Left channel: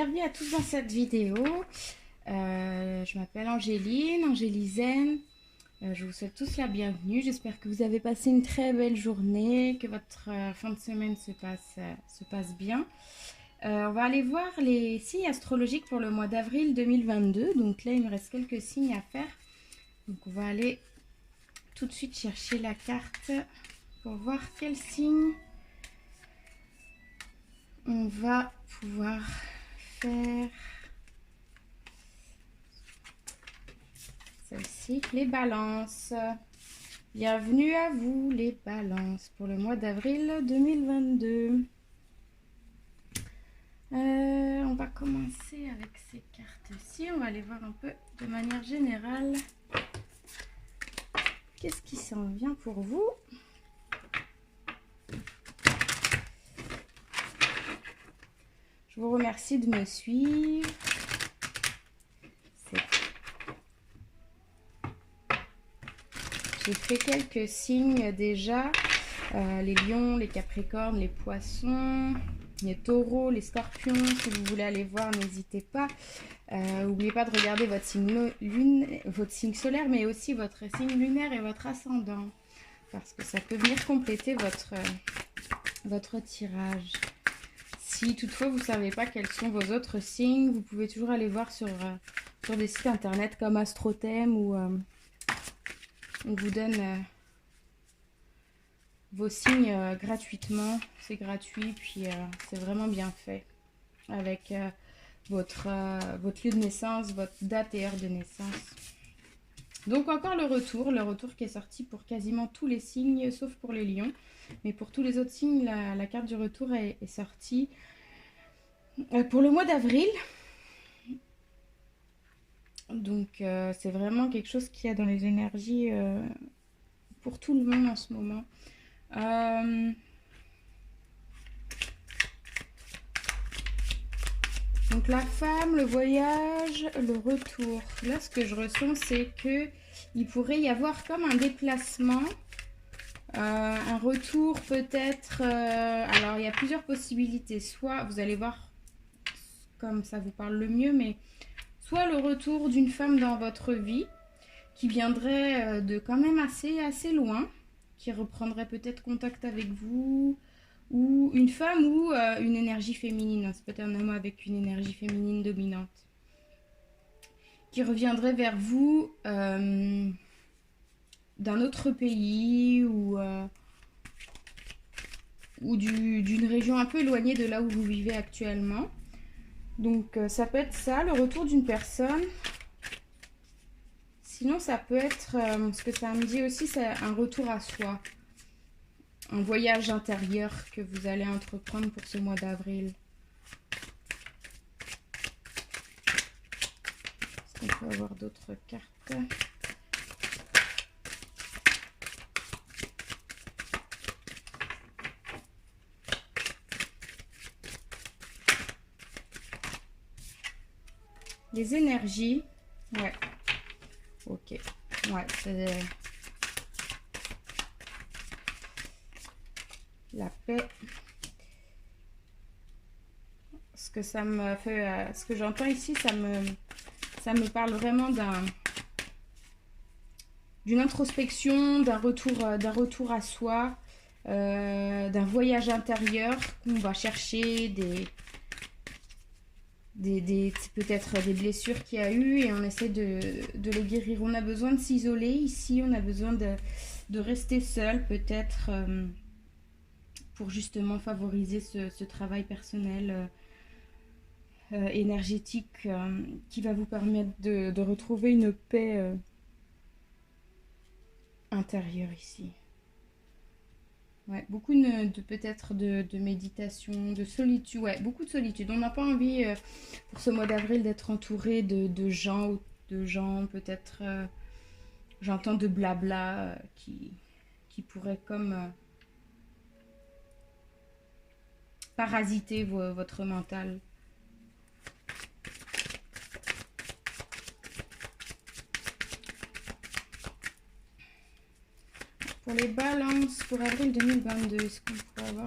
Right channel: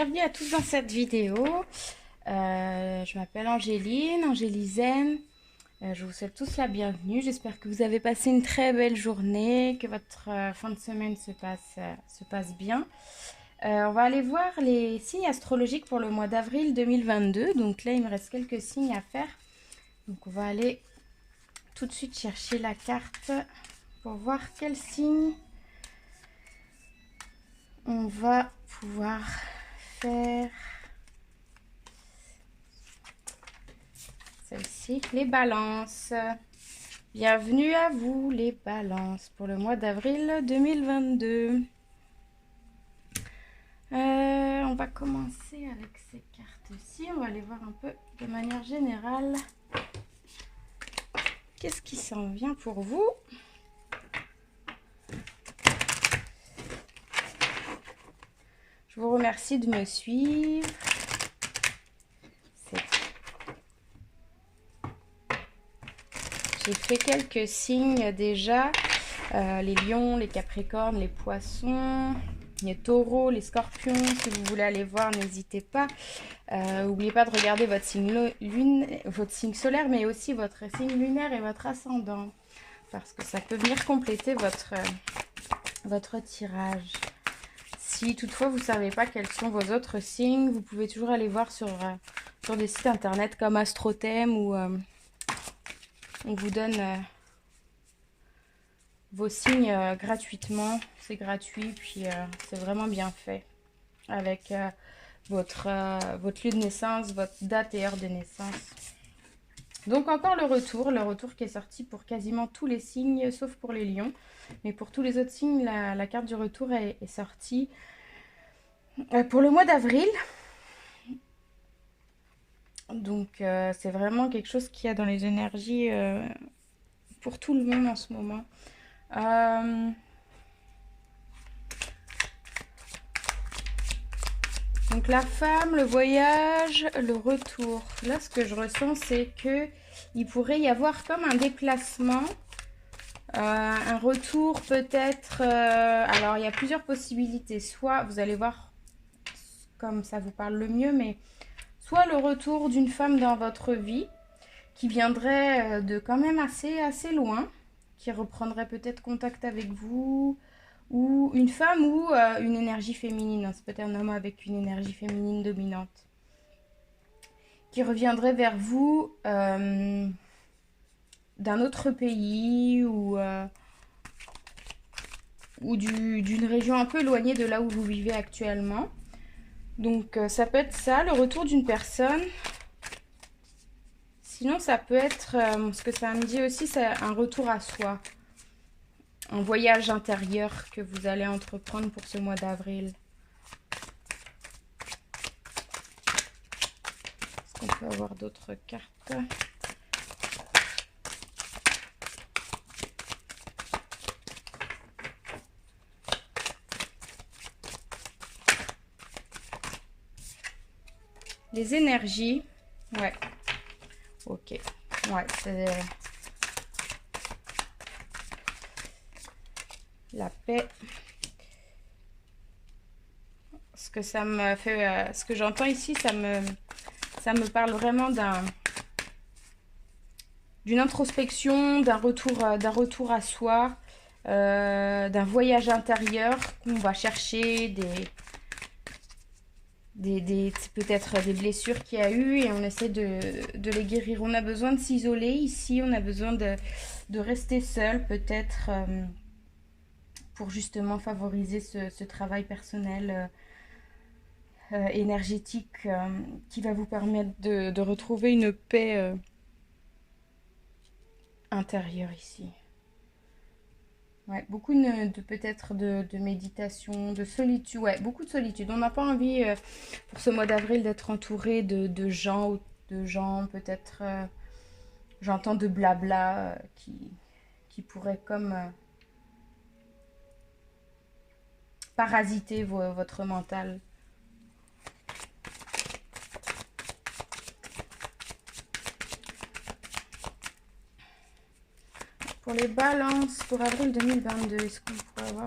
bienvenue à tous dans cette vidéo. Je m'appelle Angélizen. Je vous souhaite tous la bienvenue. J'espère que vous avez passé une très belle journée, que votre fin de semaine se passe bien. On va aller voir les signes astrologiques pour le mois d'avril 2022. Donc là, il me reste quelques signes à faire. Donc on va aller tout de suite chercher la carte pour voir quel signe on va pouvoir faire. Celle-ci, les balances. Bienvenue à vous les balances pour le mois d'avril 2022. On va commencer avec ces cartes-ci. On va aller voir un peu de manière générale qu'est-ce qui s'en vient pour vous. Je vous remercie de me suivre. J'ai fait quelques signes déjà. Les lions, les capricornes, les poissons, les taureaux, les scorpions. Si vous voulez aller voir, n'hésitez pas. N'oubliez pas de regarder votre signe solaire, mais aussi votre signe lunaire et votre ascendant. Parce que ça peut venir compléter votre tirage. Si toutefois vous ne savez pas quels sont vos autres signes, vous pouvez toujours aller voir sur des sites internet comme Astrothème où on vous donne vos signes gratuitement. C'est gratuit, puis c'est vraiment bien fait avec votre lieu de naissance, votre date et heure de naissance. Donc encore le retour qui est sorti pour quasiment tous les signes sauf pour les lions. Mais pour tous les autres signes, la carte du retour est sortie pour le mois d'avril. Donc c'est vraiment quelque chose qu'il y a dans les énergies pour tout le monde en ce moment. Donc la femme, le voyage, le retour. Là, ce que je ressens, c'est que il pourrait y avoir comme un déplacement. Un retour peut-être, alors il y a plusieurs possibilités, soit vous allez voir comme ça vous parle le mieux, mais soit le retour d'une femme dans votre vie qui viendrait de quand même assez loin, qui reprendrait peut-être contact avec vous, ou une femme ou une énergie féminine, c'est peut-être un homme avec une énergie féminine dominante, qui reviendrait vers vous d'un autre pays ou d'une région un peu éloignée de là où vous vivez actuellement. Donc ça peut être ça, le retour d'une personne. Sinon ça peut être, ce que ça me dit aussi, c'est un retour à soi. Un voyage intérieur que vous allez entreprendre pour ce mois d'avril. Est-ce qu'on peut avoir d'autres cartes ? Les énergies, ouais, ok, ouais, c'est la paix. Ce que ça me fait, ce que j'entends ici, ça me parle vraiment d'une introspection, d'un retour à soi, d'un voyage intérieur qu'on va chercher peut-être des blessures qu'il y a eu et on essaie de les guérir. On a besoin de s'isoler ici, on a besoin de rester seul peut-être pour justement favoriser ce travail personnel énergétique qui va vous permettre de retrouver une paix intérieure ici. Ouais, beaucoup peut-être de méditation, de solitude. Ouais, beaucoup de solitude. On n'a pas envie pour ce mois d'avril d'être entouré de gens peut-être, j'entends de blabla qui pourrait comme parasiter votre mental. Pour les balances pour avril 2022, est-ce qu'on peut avoir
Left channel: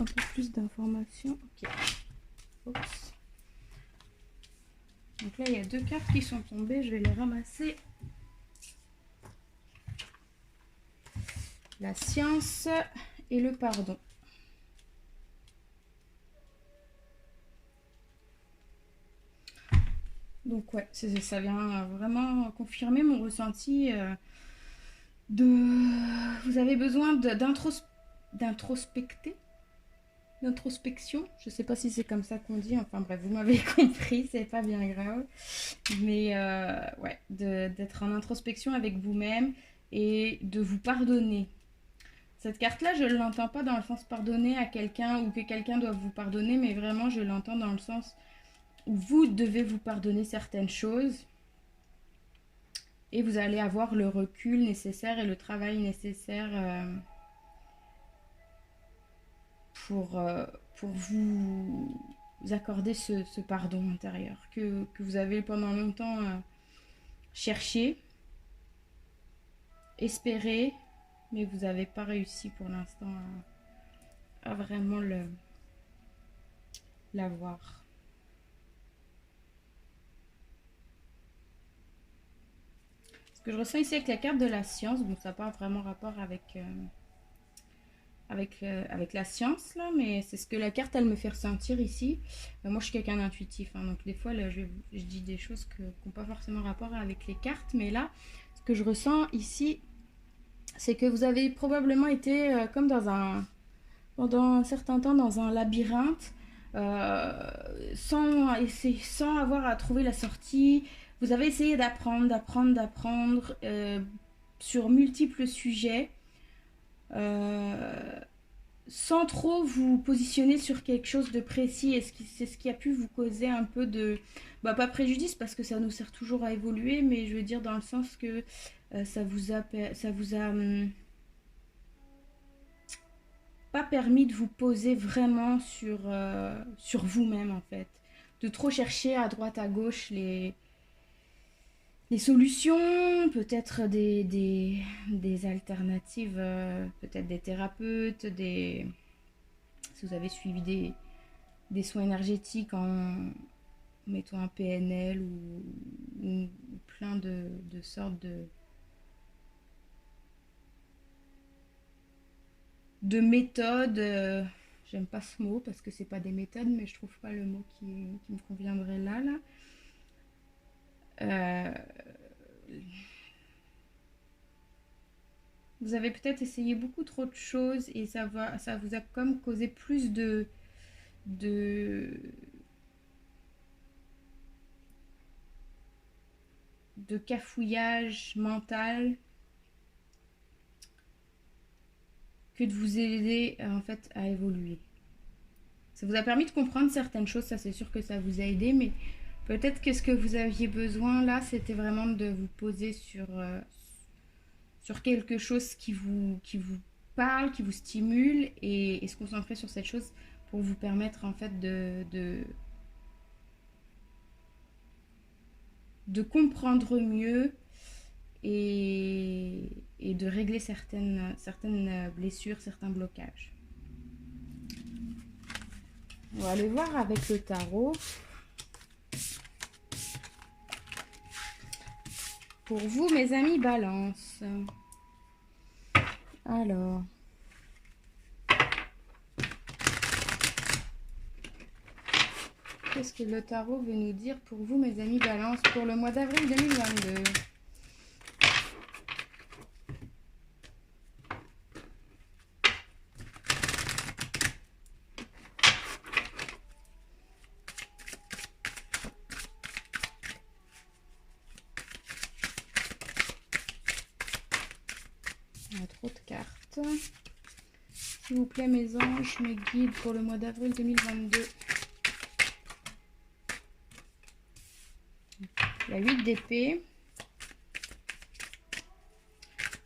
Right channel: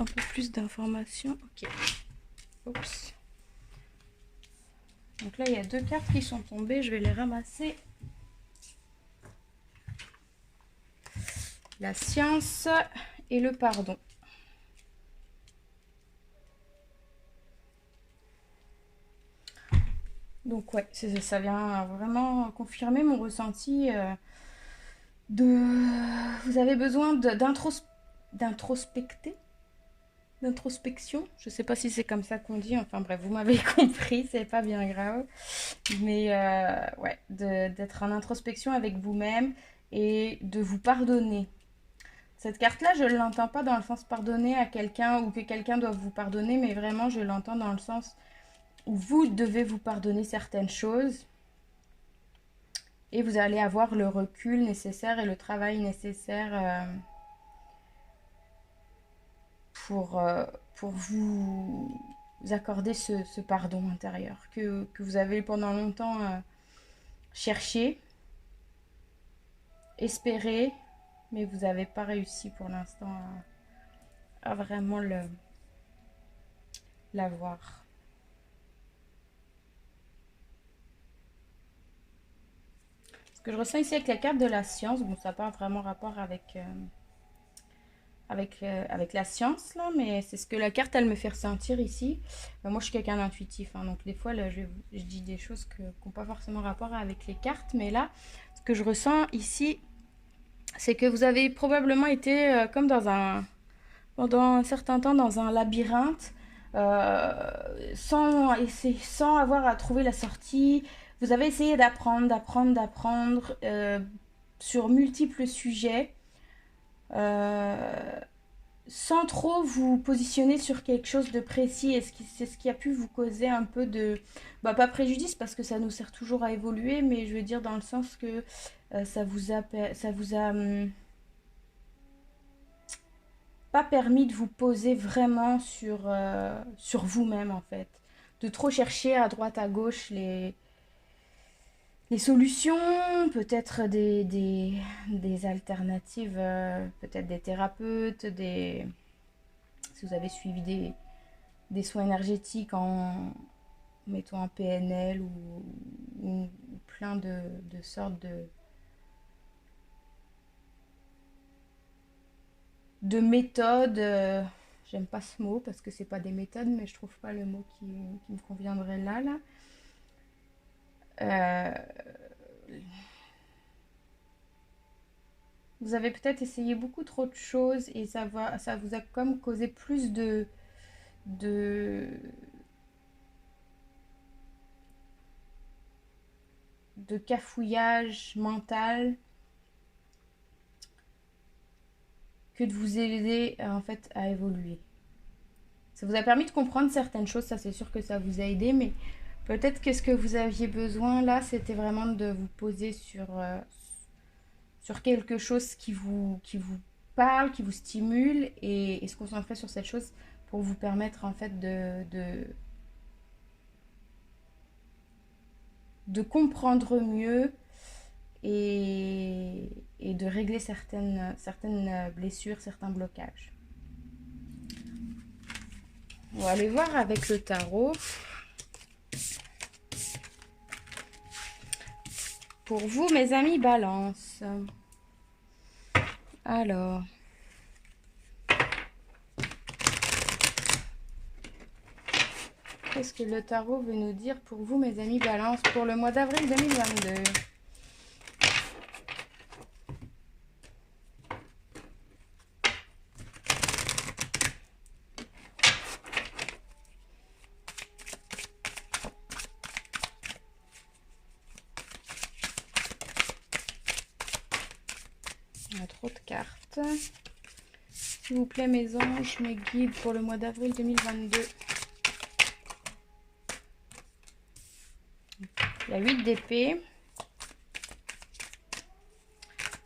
un peu plus d'informations? Ok. Oups. Donc là, il y a 2 cartes qui sont tombées. Je vais les ramasser. La science et le pardon. Donc ouais, ça vient vraiment confirmer mon ressenti Vous avez besoin d'introspecter, d'introspection. Je sais pas si c'est comme ça qu'on dit. Enfin bref, vous m'avez compris, c'est pas bien grave. Mais ouais, d'être en introspection avec vous-même et de vous pardonner. Cette carte-là, je ne l'entends pas dans le sens pardonner à quelqu'un ou que quelqu'un doit vous pardonner, mais vraiment, je l'entends dans le sens où vous devez vous pardonner certaines choses et vous allez avoir le recul nécessaire et le travail nécessaire pour vous accorder ce pardon intérieur que vous avez pendant longtemps cherché, espéré, mais vous n'avez pas réussi pour l'instant à vraiment l'avoir. Ce que je ressens ici avec la carte de la science, bon, ça n'a pas vraiment rapport avec la science, là, mais c'est ce que la carte, elle me fait ressentir ici. Moi, je suis quelqu'un d'intuitif, hein, donc des fois, là, je dis des choses qui n'ont pas forcément rapport avec les cartes, mais là, ce que je ressens ici, c'est que vous avez probablement été comme pendant un certain temps dans un labyrinthe, sans avoir à trouver la sortie. Vous avez essayé d'apprendre sur multiples sujets, sans trop vous positionner sur quelque chose de précis. Et c'est ce qui a pu vous causer un peu de... pas préjudice, parce que ça nous sert toujours à évoluer, mais je veux dire dans le sens que ça vous a pas permis de vous poser vraiment sur vous-même, en fait. De trop chercher à droite à gauche les solutions, peut-être des alternatives, peut-être des thérapeutes, si vous avez suivi des soins énergétiques en mettant un PNL ou plein de sortes de méthodes. J'aime pas ce mot parce que c'est pas des méthodes, mais je trouve pas le mot qui me conviendrait là. Vous avez peut-être essayé beaucoup trop de choses et ça vous a comme causé plus de cafouillage mental que de vous aider en fait à évoluer. Ça vous a permis de comprendre certaines choses, ça c'est sûr que ça vous a aidé, mais peut-être que ce que vous aviez besoin là, c'était vraiment de vous poser sur quelque chose qui vous parle, qui vous stimule et se concentrer sur cette chose pour vous permettre en fait de comprendre mieux et de régler certaines blessures, certains blocages. On va aller voir avec le tarot. Pour vous, mes amis Balance. Alors. Qu'est-ce que le tarot veut nous dire pour vous, mes amis Balance, pour le mois d'avril 2022 ? Il y a trop de cartes. S'il vous plaît, mes anges, mes guides pour le mois d'avril 2022. Il y a 8 d'épée.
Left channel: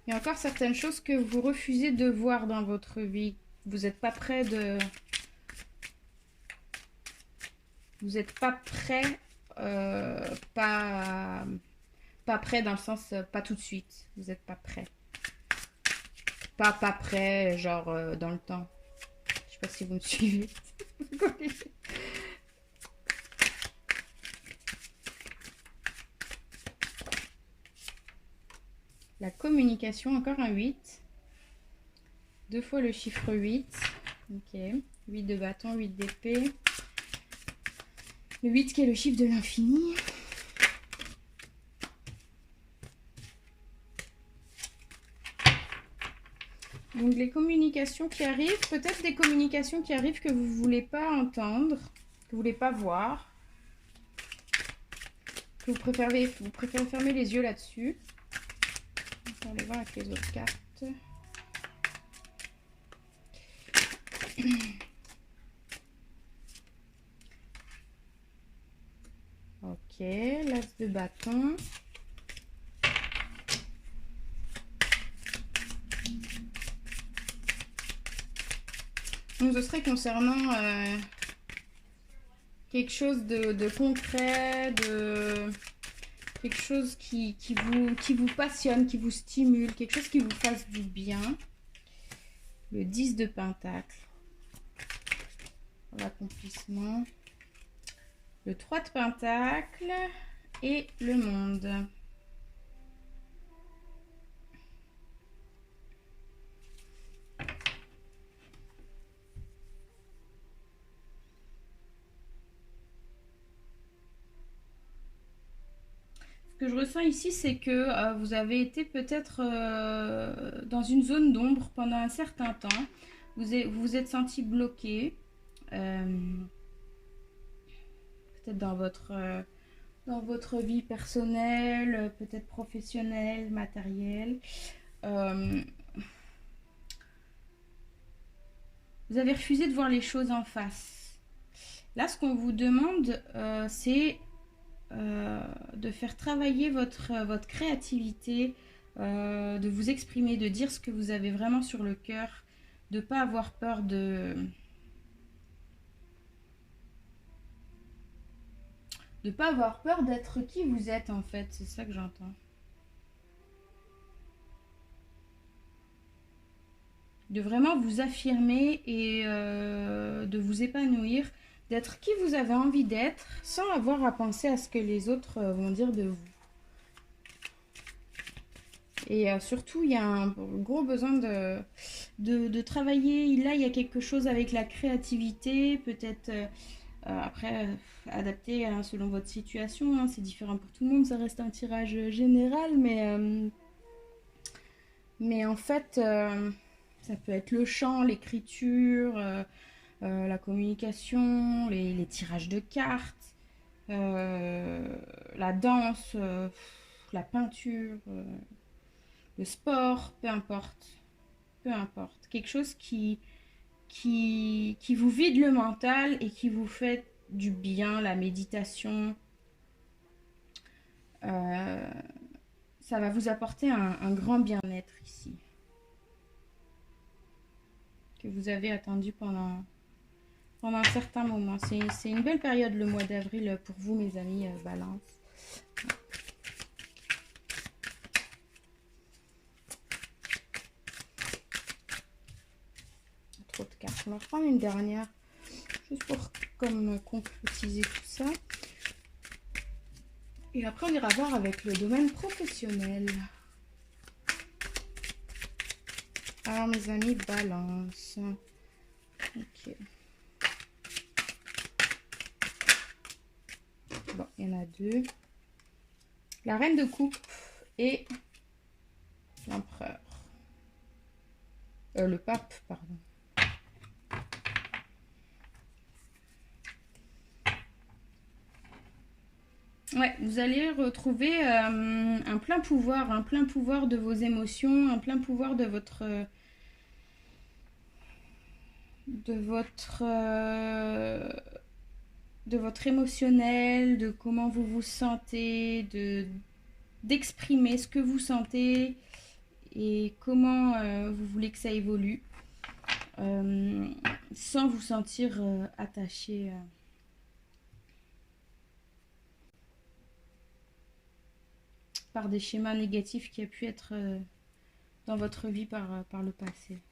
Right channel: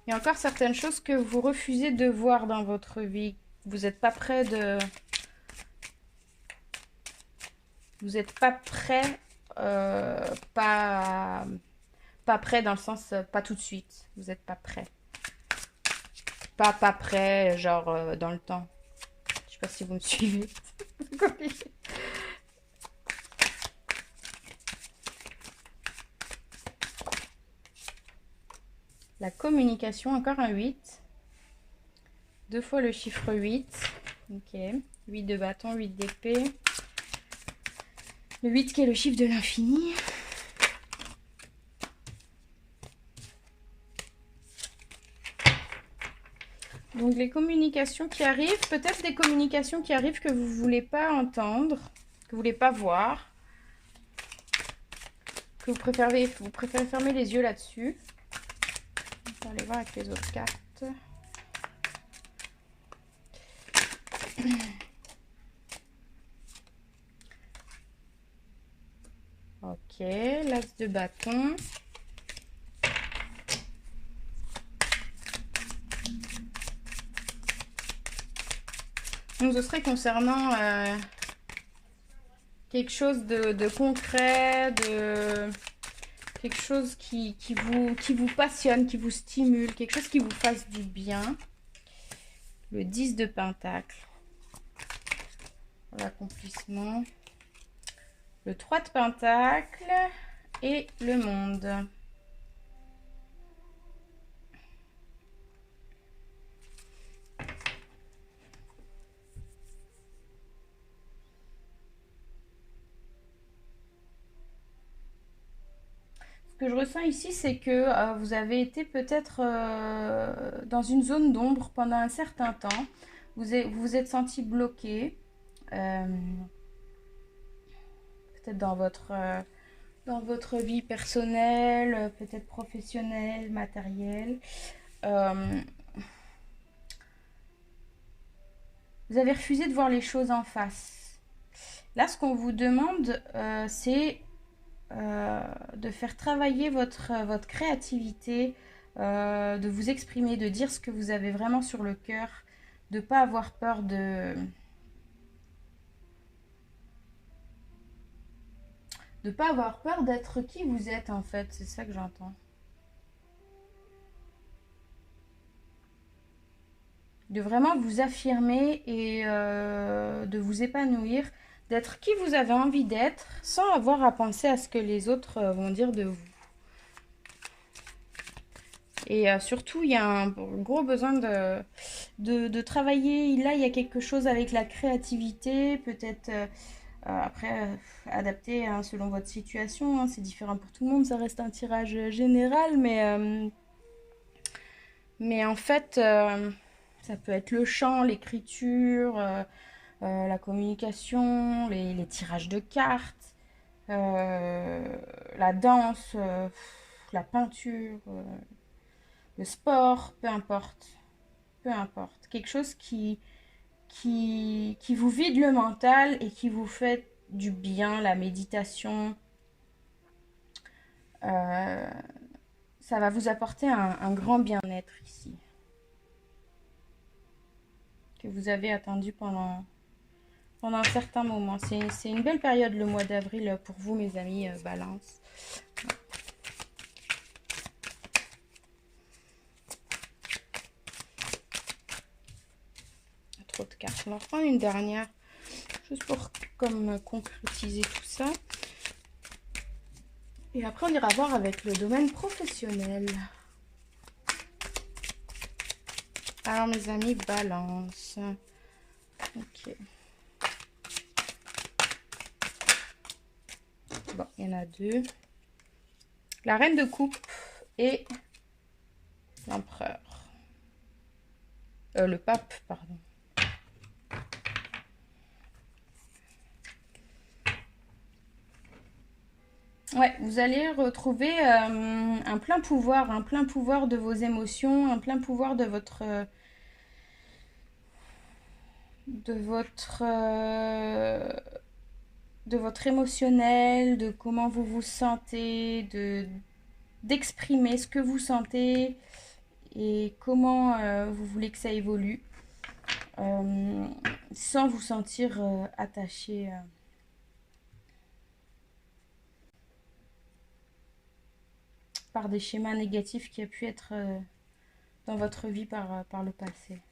Il y a encore certaines choses que vous refusez de voir dans votre vie. Vous n'êtes pas prêt de... Vous n'êtes pas prêt... pas prêt dans le sens... pas tout de suite. Vous n'êtes pas prêt. Pas prêt, genre dans le temps. Je sais pas si vous me suivez. La communication, encore un 8. 2 fois le chiffre 8. Ok. 8 de bâton, 8 d'épée. Le 8 qui est le chiffre de l'infini. Donc les communications qui arrivent, peut-être des communications qui arrivent que vous ne voulez pas entendre, que vous ne voulez pas voir, que vous préférez fermer les yeux là-dessus. On va aller voir avec les autres cartes. Ok, l'as de bâton. Donc ce serait concernant quelque chose de concret, quelque chose qui vous passionne, qui vous stimule, quelque chose qui vous fasse du bien. Le 10 de pentacle. L'accomplissement. Le 3 de pentacle et le monde. Ce que je ressens ici, c'est que vous avez été peut-être dans une zone d'ombre pendant un certain temps. Vous vous êtes senti bloqué. Peut-être dans votre vie personnelle, peut-être professionnelle, matérielle. Vous avez refusé de voir les choses en face. Là, ce qu'on vous demande, c'est de faire travailler votre créativité, de vous exprimer, de dire ce que vous avez vraiment sur le cœur, de ne pas avoir peur de pas avoir peur d'être qui vous êtes en fait, c'est ça que j'entends. De vraiment vous affirmer et de vous épanouir, d'être qui vous avez envie d'être, sans avoir à penser à ce que les autres vont dire de vous. Et surtout, il y a un gros besoin de travailler. Là, il y a quelque chose avec la créativité, peut-être après adapté selon votre situation. Hein, c'est différent pour tout le monde, ça reste un tirage général, mais en fait, ça peut être le chant, l'écriture, la communication, les tirages de cartes, la danse, la peinture, le sport, peu importe. Peu importe. Quelque chose qui vous vide le mental et qui vous fait du bien, la méditation. Ça va vous apporter un grand bien-être ici. Que vous avez attendu pendant un certain moment. C'est une belle période le mois d'avril pour vous, mes amis Balance. Trop de cartes. On va reprendre une dernière, juste pour concrétiser tout ça. Et après, on ira voir avec le domaine professionnel. Alors, mes amis Balance. Ok. Bon, il y en a deux. La reine de coupe et l'empereur. Le pape, pardon. Ouais, vous allez retrouver un plein pouvoir de vos émotions, un plein pouvoir de votre émotionnel, de comment vous vous sentez, d'exprimer ce que vous sentez et comment vous voulez que ça évolue, sans vous sentir attaché par des schémas négatifs qui a pu être dans votre vie par le passé.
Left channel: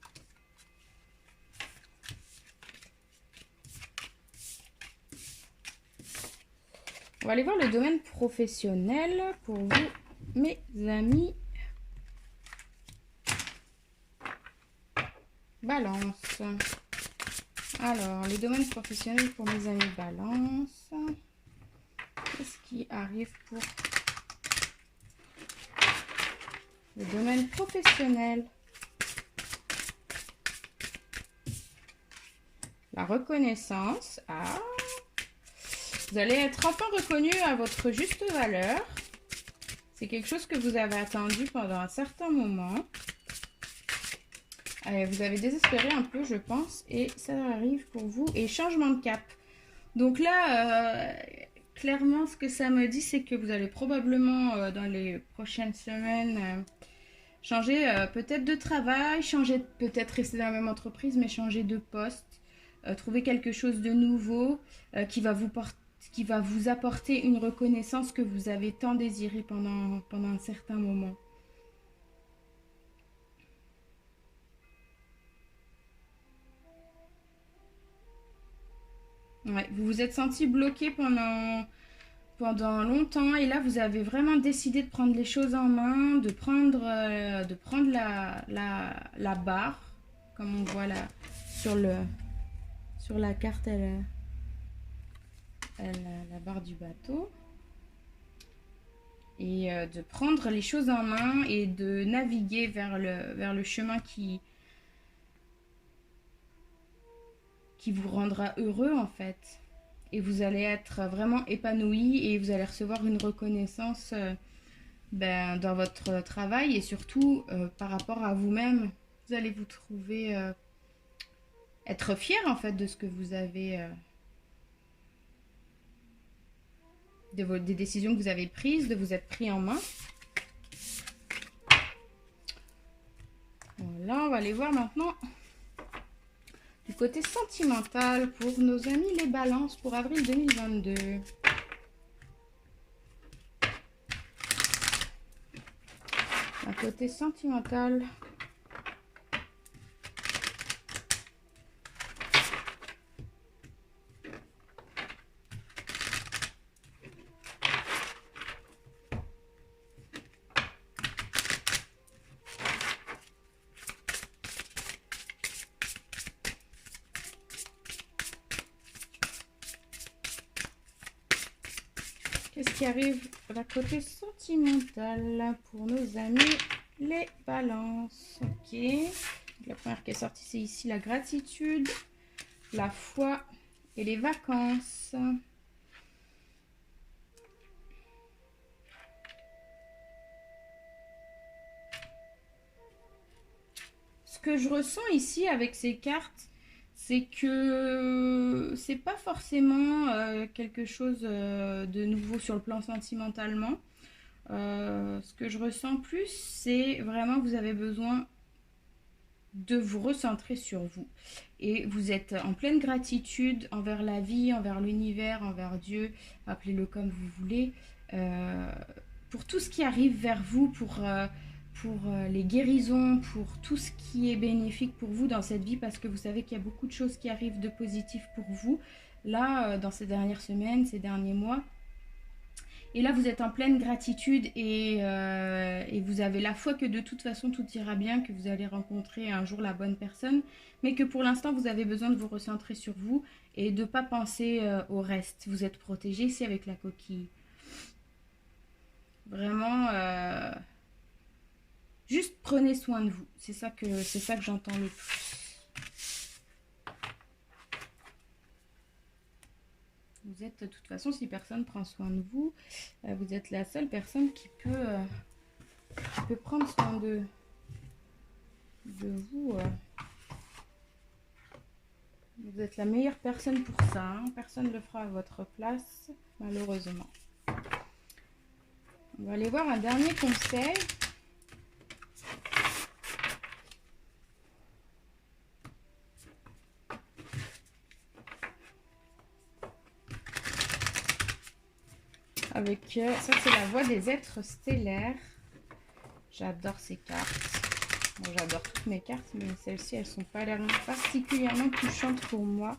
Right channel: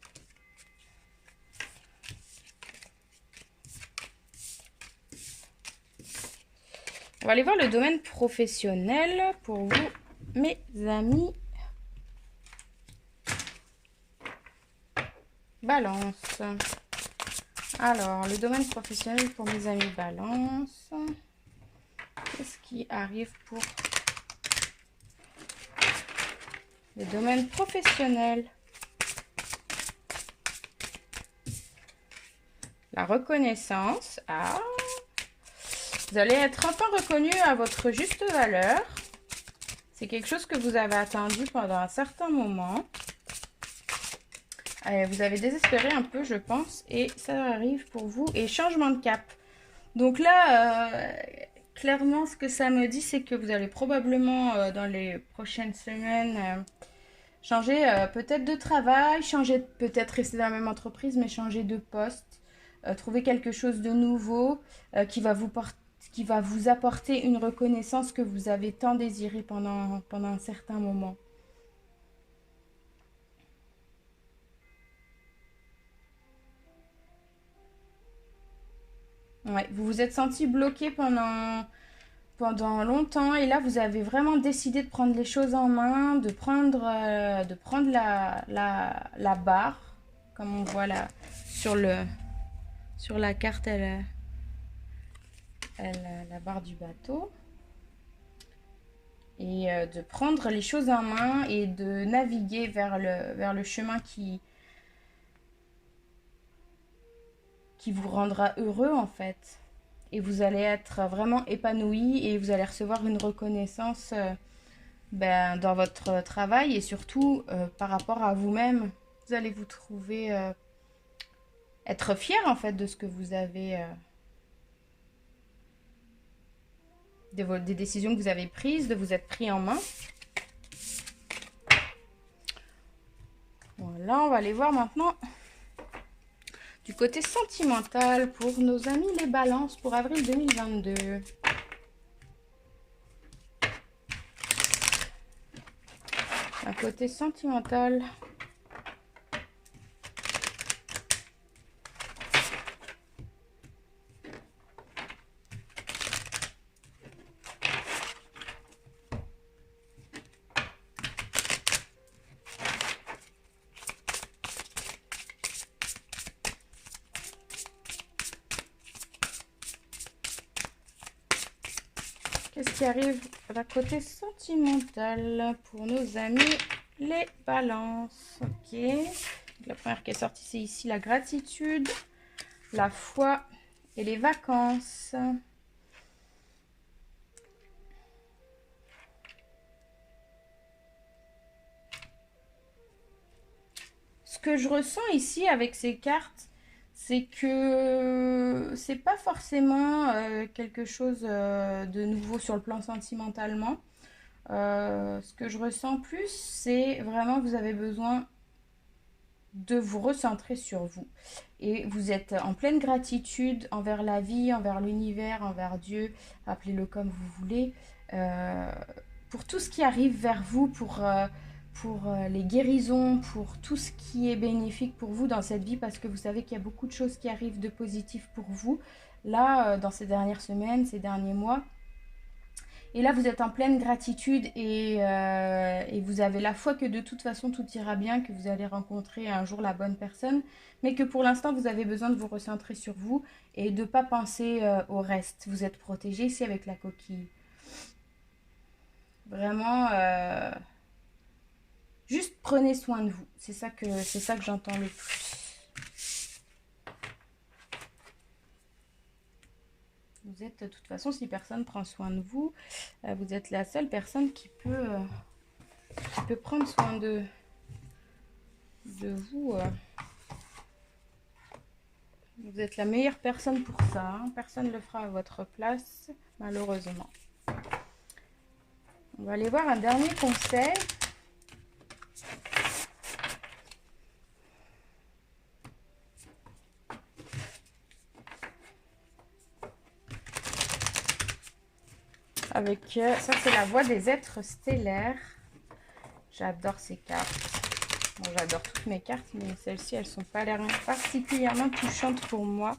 On va aller voir le domaine professionnel pour vous, mes amis Balance. Alors, les domaines professionnels pour mes amis Balance. Qu'est-ce qui arrive pour le domaine professionnel? La reconnaissance. Ah, vous allez être enfin reconnu à votre juste valeur. C'est quelque chose que vous avez attendu pendant un certain moment. Vous avez désespéré un peu, je pense, et ça arrive pour vous. Et changement de cap. Donc là, clairement, ce que ça me dit, c'est que vous allez probablement, dans les prochaines semaines, changer peut-être de travail, changer peut-être rester dans la même entreprise, mais changer de poste, trouver quelque chose de nouveau qui va vous apporter une reconnaissance que vous avez tant désirée pendant un certain moment. Ouais, vous vous êtes senti bloqué pendant longtemps et là vous avez vraiment décidé de prendre les choses en main, de prendre la barre, comme on voit là sur la carte, la barre du bateau, et de prendre les choses en main et de naviguer vers le chemin qui vous rendra heureux en fait. Et vous allez être vraiment épanoui et vous allez recevoir une reconnaissance dans votre travail et surtout par rapport à vous-même. Vous allez vous trouver être fier en fait de ce que vous avez, des décisions que vous avez prises, de vous être pris en main. Voilà, on va aller voir maintenant du côté sentimental pour nos amis les balances pour avril 2022. Un côté sentimental. Qu'est-ce qui arrive d'un côté sentimental pour nos amis les balances? Ok. La première qui est sortie, c'est ici la gratitude, la foi et les vacances. Ce que je ressens ici avec ces cartes, c'est que c'est pas forcément quelque chose de nouveau sur le plan sentimentalement. Ce que je ressens plus, c'est vraiment vous avez besoin de vous recentrer sur vous. Et vous êtes en pleine gratitude envers la vie, envers l'univers, envers Dieu, appelez-le comme vous voulez, pour tout ce qui arrive vers vous, pour les guérisons, pour tout ce qui est bénéfique pour vous dans cette vie, parce que vous savez qu'il y a beaucoup de choses qui arrivent de positif pour vous, là, dans ces dernières semaines, ces derniers mois. Et là, vous êtes en pleine gratitude et vous avez la foi que de toute façon, tout ira bien, que vous allez rencontrer un jour la bonne personne, mais que pour l'instant, vous avez besoin de vous recentrer sur vous et de ne pas penser au reste. Vous êtes protégé ici avec la coquille. Vraiment, juste prenez soin de vous. C'est ça que j'entends le plus. Vous êtes de toute façon, si personne prend soin de vous, vous êtes la seule personne qui peut prendre soin de vous. Vous êtes la meilleure personne pour ça. Hein. Personne ne le fera à votre place, malheureusement. On va aller voir un dernier conseil. Avec ça, c'est la voix des êtres stellaires. J'adore ces cartes. Bon, j'adore toutes mes cartes, mais celles-ci, elles sont pas l'air particulièrement touchantes pour moi.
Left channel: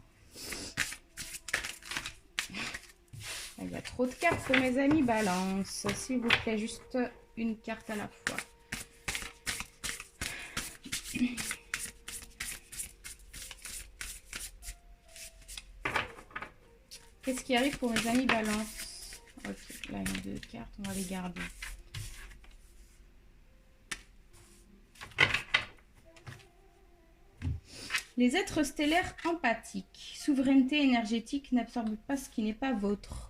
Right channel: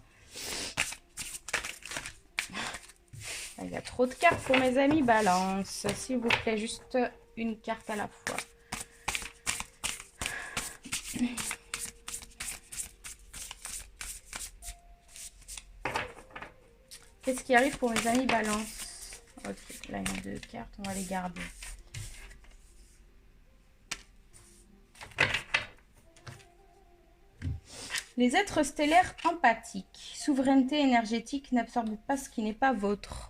Il y a trop de cartes pour mes amis balance. S'il vous plaît, juste une carte à la fois. Qu'est-ce qui arrive pour les amis balance? Ok, là, il y a 2 cartes, on va les garder. Les êtres stellaires empathiques. Souveraineté énergétique, n'absorbe pas ce qui n'est pas vôtre.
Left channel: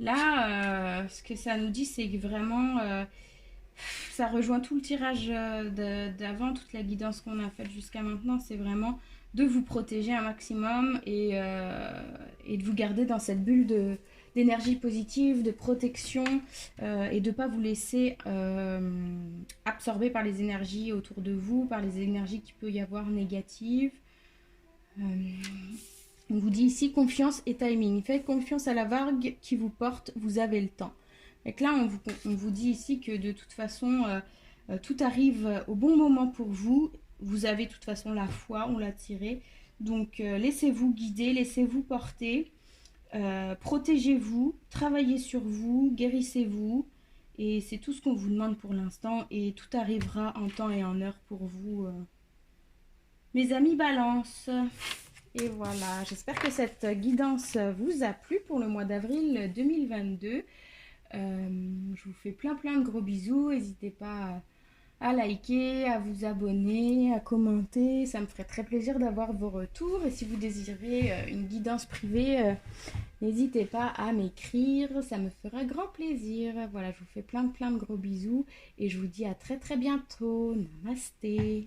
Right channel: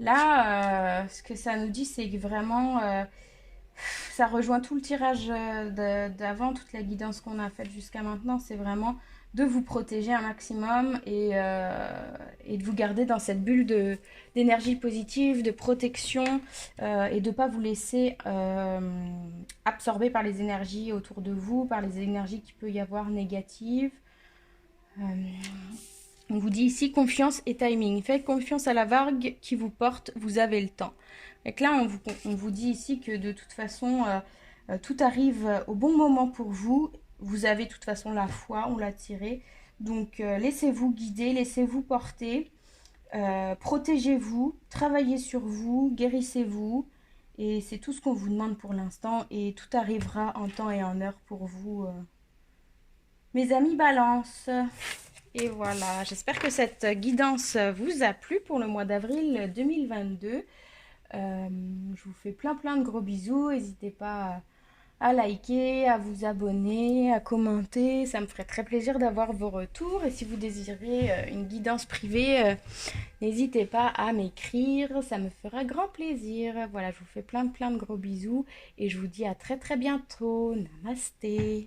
Là, ce que ça nous dit, c'est que vraiment, ça rejoint tout le tirage d'avant, toute la guidance qu'on a faite jusqu'à maintenant. C'est vraiment de vous protéger un maximum et de vous garder dans cette bulle d'énergie positive, de protection et de ne pas vous laisser absorber par les énergies autour de vous, par les énergies qu'il peut y avoir négatives. On vous dit ici confiance et timing. Faites confiance à la vague qui vous porte, vous avez le temps. Donc là, on vous dit ici que de toute façon, tout arrive au bon moment pour vous. Vous avez de toute façon la foi, on l'a tiré. Donc laissez-vous guider, laissez-vous porter. Protégez-vous, travaillez sur vous, guérissez-vous. Et c'est tout ce qu'on vous demande pour l'instant. Et tout arrivera en temps et en heure pour vous. Mes amis Balance. Et voilà, j'espère que cette guidance vous a plu pour le mois d'avril 2022. Je vous fais plein de gros bisous. N'hésitez pas à liker, à vous abonner, à commenter. Ça me ferait très plaisir d'avoir vos retours. Et si vous désirez une guidance privée, n'hésitez pas à m'écrire. Ça me fera grand plaisir. Voilà, je vous fais plein de gros bisous. Et je vous dis à très bientôt. Namasté.